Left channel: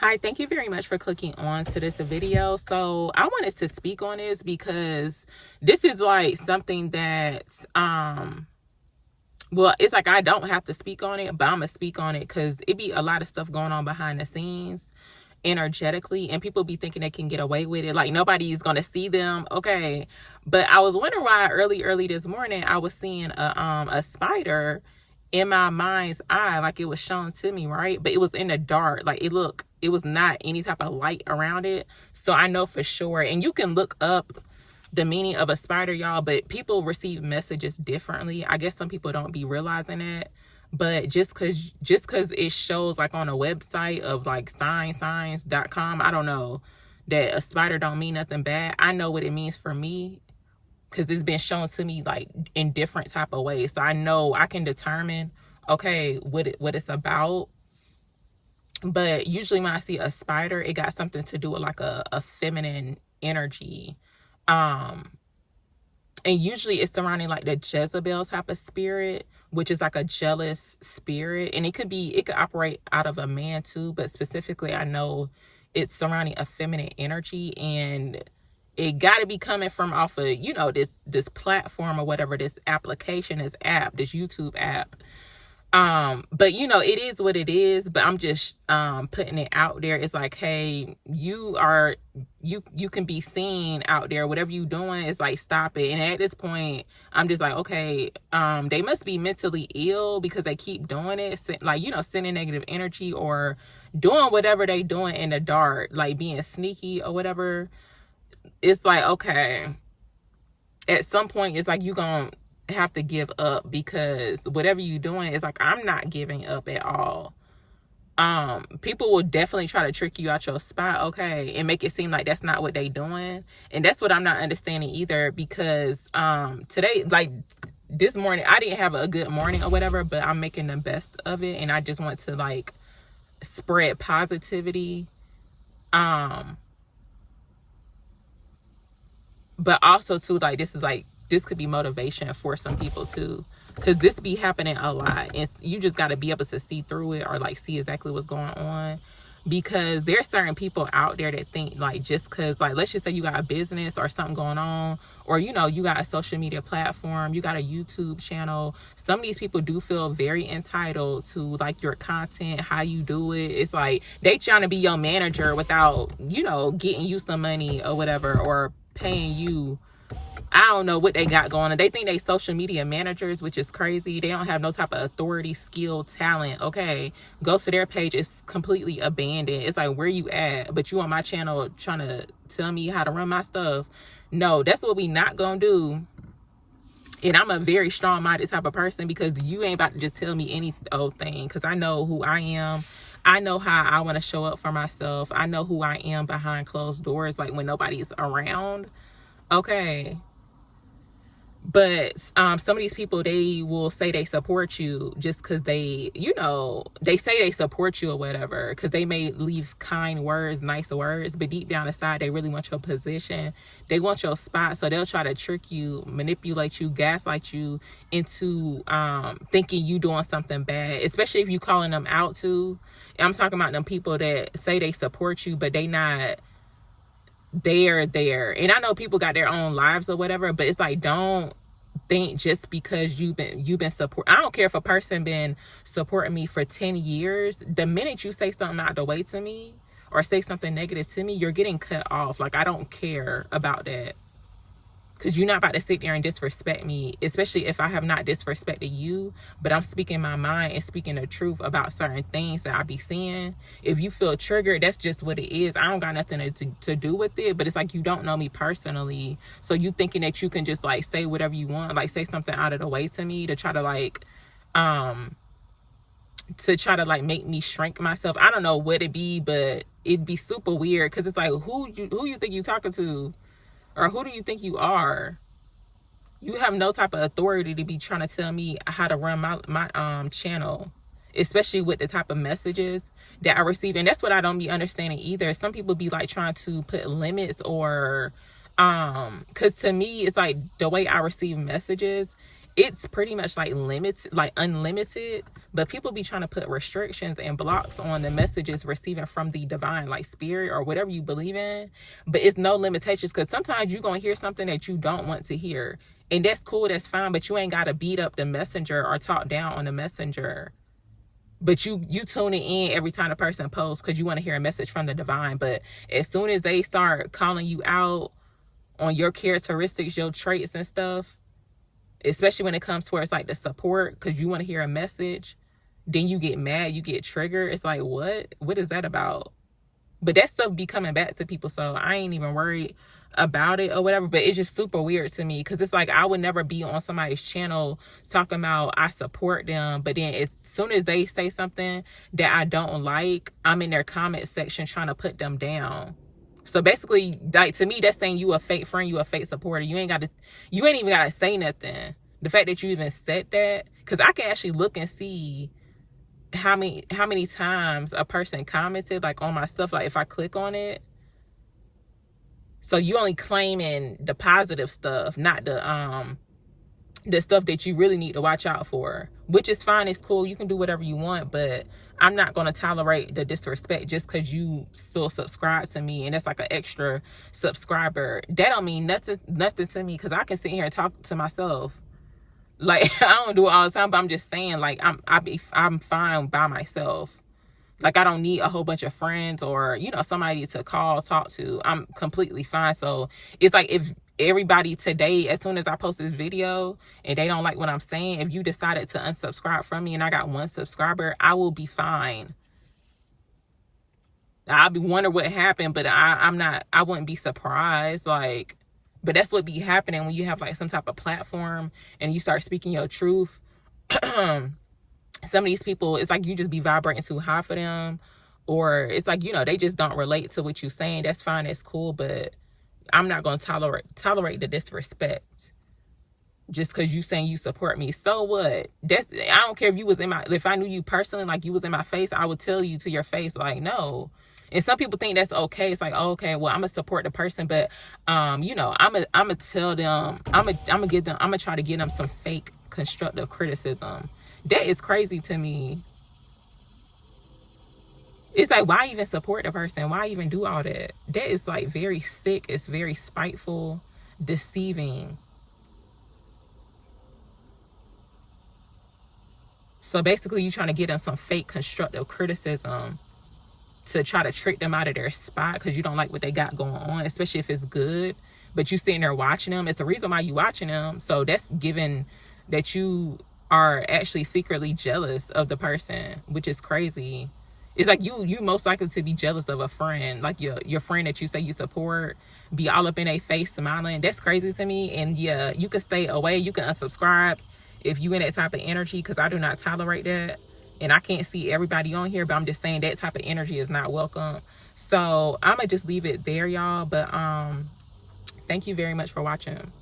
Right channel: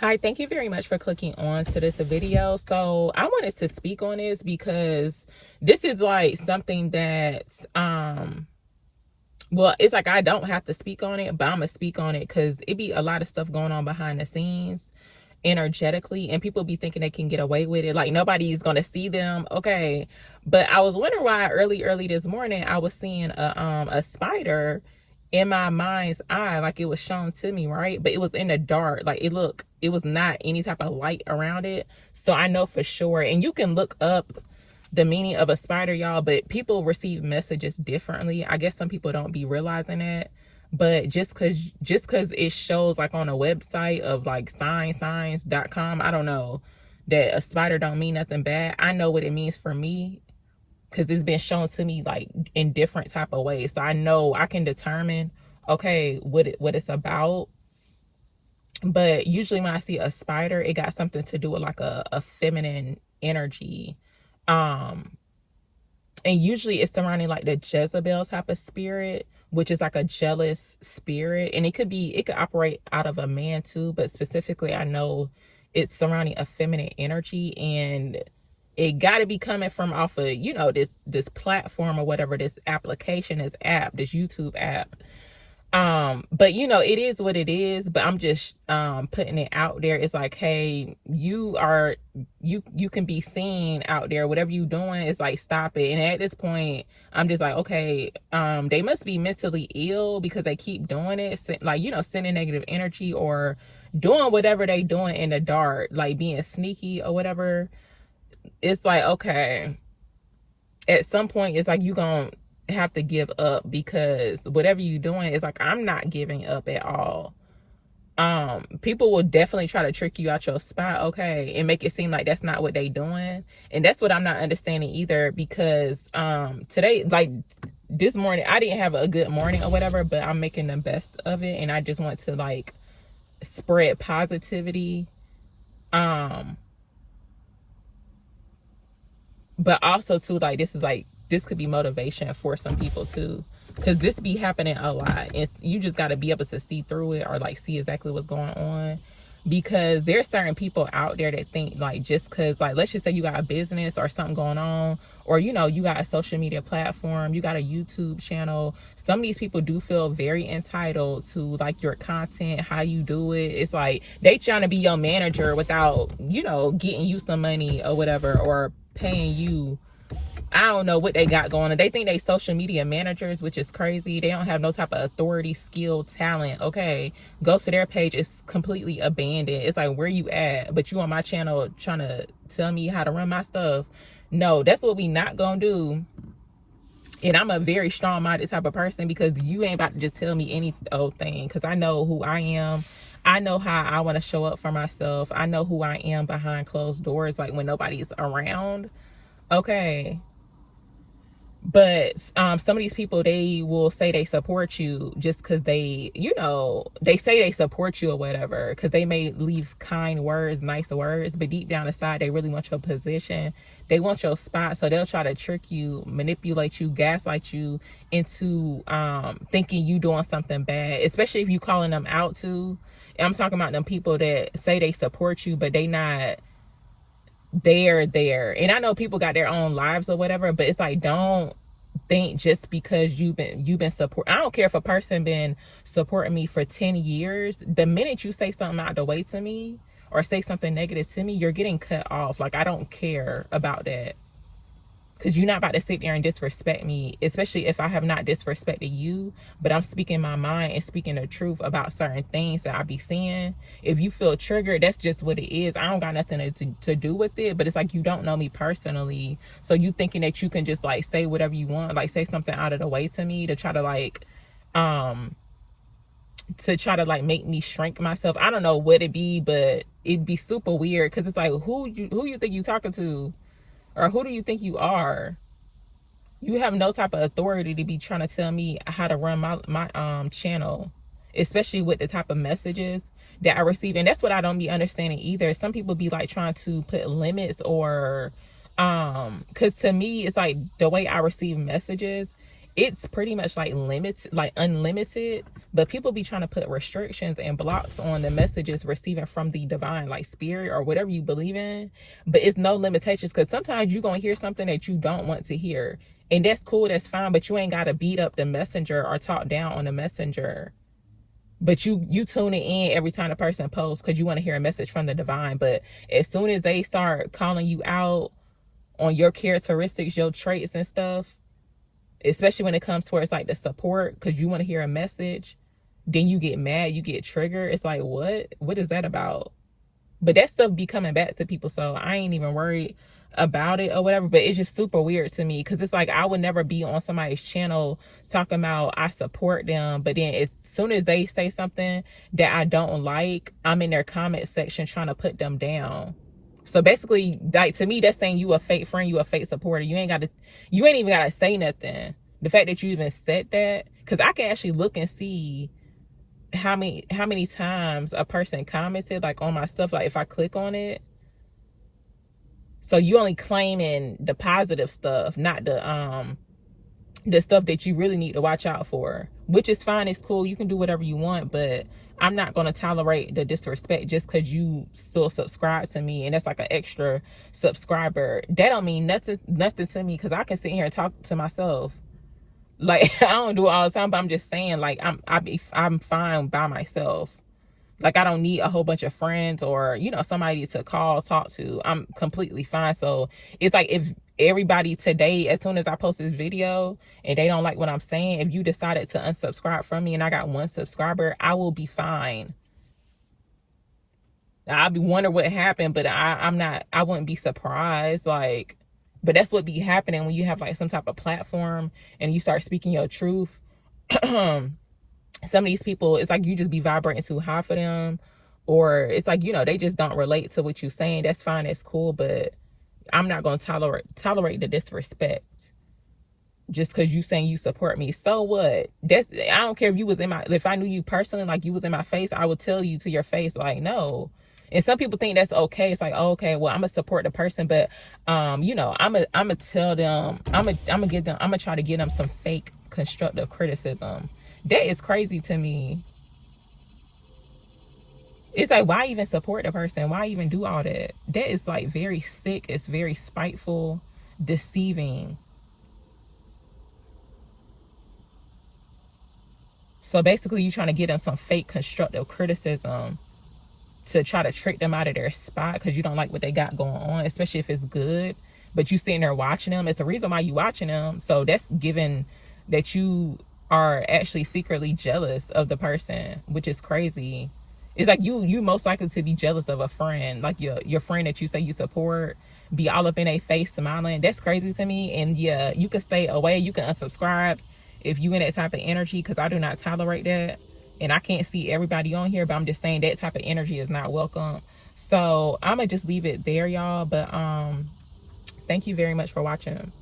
Hi, thank you very much for clicking on to this video. So I wanted to speak on this because this is like something that well, it's like I don't have to speak on it, but I'm gonna speak on it because it be a lot of stuff going on behind the scenes energetically, and people be thinking they can get away with it, like nobody's gonna see them. Okay, but I was wondering why early this morning I was seeing a spider in my mind's eye, like it was shown to me, right? But it was in the dark, like it was not any type of light around it. So I know for sure, and you can look up the meaning of a spider, y'all, but people receive messages differently. I guess some people don't be realizing that. But just cause it shows like on a website of like signs.com, I don't know, that a spider don't mean nothing bad. I know what it means for me because it's been shown to me like in different type of ways. So I know I can determine, okay, what it's about. But usually when I see a spider, it got something to do with like a feminine energy. And usually it's surrounding like the Jezebel type of spirit, which is like a jealous spirit. And it could operate out of a man too, but specifically I know it's surrounding a feminine energy, and it got to be coming from off of, you know, this platform or whatever, this application, this app, this YouTube app. But you know, it is what it is, but I'm just putting it out there. It's like, hey, you can be seen out there. Whatever you doing, it's like, stop it. And at this point I'm just like, okay, they must be mentally ill because they keep doing it, like, you know, sending negative energy or doing whatever they doing in the dark, like being sneaky or whatever. It's like, okay, at some point it's like you gonna have to give up, because whatever you doing is like, I'm not giving up at all. People will definitely try to trick you out your spot, okay, and make it seem like that's not what they doing. And that's what I'm not understanding either, because today, like this morning, I didn't have a good morning or whatever, but I'm making the best of it, and I just want to like spread positivity. But also too, like, this could be motivation for some people too, because this be happening a lot, and you just got to be able to see through it, or like see exactly what's going on. Because there's certain people out there that think like, just because, like, let's just say you got a business or something going on, or you know, you got a social media platform, you got a YouTube channel, some of these people do feel very entitled to like your content, how you do it. It's like they trying to be your manager without, you know, getting you some money or whatever, or paying you. I don't know what they got going on. They think they social media managers, which is crazy. They don't have no type of authority, skill, talent. Okay, go to their page, it's completely abandoned. It's like, where you at? But you on my channel trying to tell me how to run my stuff. No, that's what we not gonna do. And I'm a very strong-minded type of person, because you ain't about to just tell me any old thing, because I know who I am. I know how I want to show up for myself. I know who I am behind closed doors, like when nobody's around. Okay. But some of these people, they will say they support you just because they, you know, they say they support you or whatever, because they may leave kind words, nice words, but deep down inside they really want your position, they want your spot. So they'll try to trick you, manipulate you, gaslight you into thinking you doing something bad, especially if you calling them out too. I'm talking about them people that say they support you, but they not there. And I know people got their own lives or whatever, but it's like, don't think just because you've been support. I don't care if a person been supporting me for 10 years. The minute you say something out the way to me or say something negative to me, you're getting cut off. Like, I don't care about that, because you're not about to sit there and disrespect me, especially if I have not disrespected you, but I'm speaking my mind and speaking the truth about certain things that I be seeing. If you feel triggered, that's just what it is. I don't got nothing to do with it, but it's like, you don't know me personally, so you thinking that you can just like say whatever you want, like say something out of the way to me to try to like make me shrink myself. I don't know what it be, but it'd be super weird, because it's like, who you think you talking to? Or who do you think you are? You have no type of authority to be trying to tell me how to run my channel, especially with the type of messages that I receive. And that's what I don't be understanding either. Some people be like trying to put limits, or because to me it's like the way I receive messages, it's pretty much like unlimited. But people be trying to put restrictions and blocks on the messages receiving from the divine, like spirit or whatever you believe in. But it's no limitations, because sometimes you're going to hear something that you don't want to hear. And that's cool, that's fine, but you ain't got to beat up the messenger or talk down on the messenger. But you tune it in every time a person posts because you want to hear a message from the divine. But as soon as they start calling you out on your characteristics, your traits and stuff, especially when it comes towards like the support, because you want to hear a message, then you get mad, you get triggered. It's like, what is that about? But that stuff be coming back to people, so I ain't even worried about it or whatever. But it's just super weird to me, because it's like I would never be on somebody's channel talking about I support them, but then as soon as they say something that I don't like, I'm in their comment section trying to put them down. So basically, like, to me, that's saying you a fake friend, you a fake supporter. You ain't even gotta say nothing. The fact that you even said that, because I can actually look and see how many times a person commented like on my stuff, like if I click on it. So you only claiming the positive stuff, not the stuff that you really need to watch out for, which is fine. It's cool, you can do whatever you want, but I'm not going to tolerate the disrespect just because you still subscribe to me and that's like an extra subscriber. That don't mean nothing to me, because I can sit here and talk to myself. Like, I don't do it all the time, but I'm just saying, like, I'm fine by myself. Like, I don't need a whole bunch of friends or, you know, somebody to call, talk to. I'm completely fine. So it's like, if everybody today, as soon as I post this video and they don't like what I'm saying, if you decided to unsubscribe from me and I got 1 subscriber, I will be fine. I'll be wondering what happened, but I wouldn't be surprised. Like, but that's what be happening when you have like some type of platform and you start speaking your truth. Some of these people, it's like you just be vibrating too high for them, or it's like, you know, they just don't relate to what you're saying. That's fine, that's cool, but I'm not going to tolerate the disrespect just because you saying you support me. So what? I don't care if you was if I knew you personally, like you was in my face, I would tell you to your face, like, no. And some people think that's okay. It's like, oh, okay, well, I'm gonna support the person, but you know, I'm gonna tell them, I'm gonna try to give them some fake constructive criticism. That is crazy to me. It's like, why even support the person? Why even do all that? That is like very sick. It's very spiteful, deceiving. So basically, you're trying to give them some fake constructive criticism to try to trick them out of their spot because you don't like what they got going on, especially if it's good. But you sitting there watching them. It's the reason why you watching them. So that's given that you are actually secretly jealous of the person, which is crazy. It's like you most likely to be jealous of a friend, like your friend that you say you support, be all up in their face smiling. That's crazy to me. And yeah, you can stay away, you can unsubscribe if you in that type of energy, because I do not tolerate that. And I can't see everybody on here, but I'm just saying that type of energy is not welcome. So I'm gonna just leave it there, y'all. But thank you very much for watching.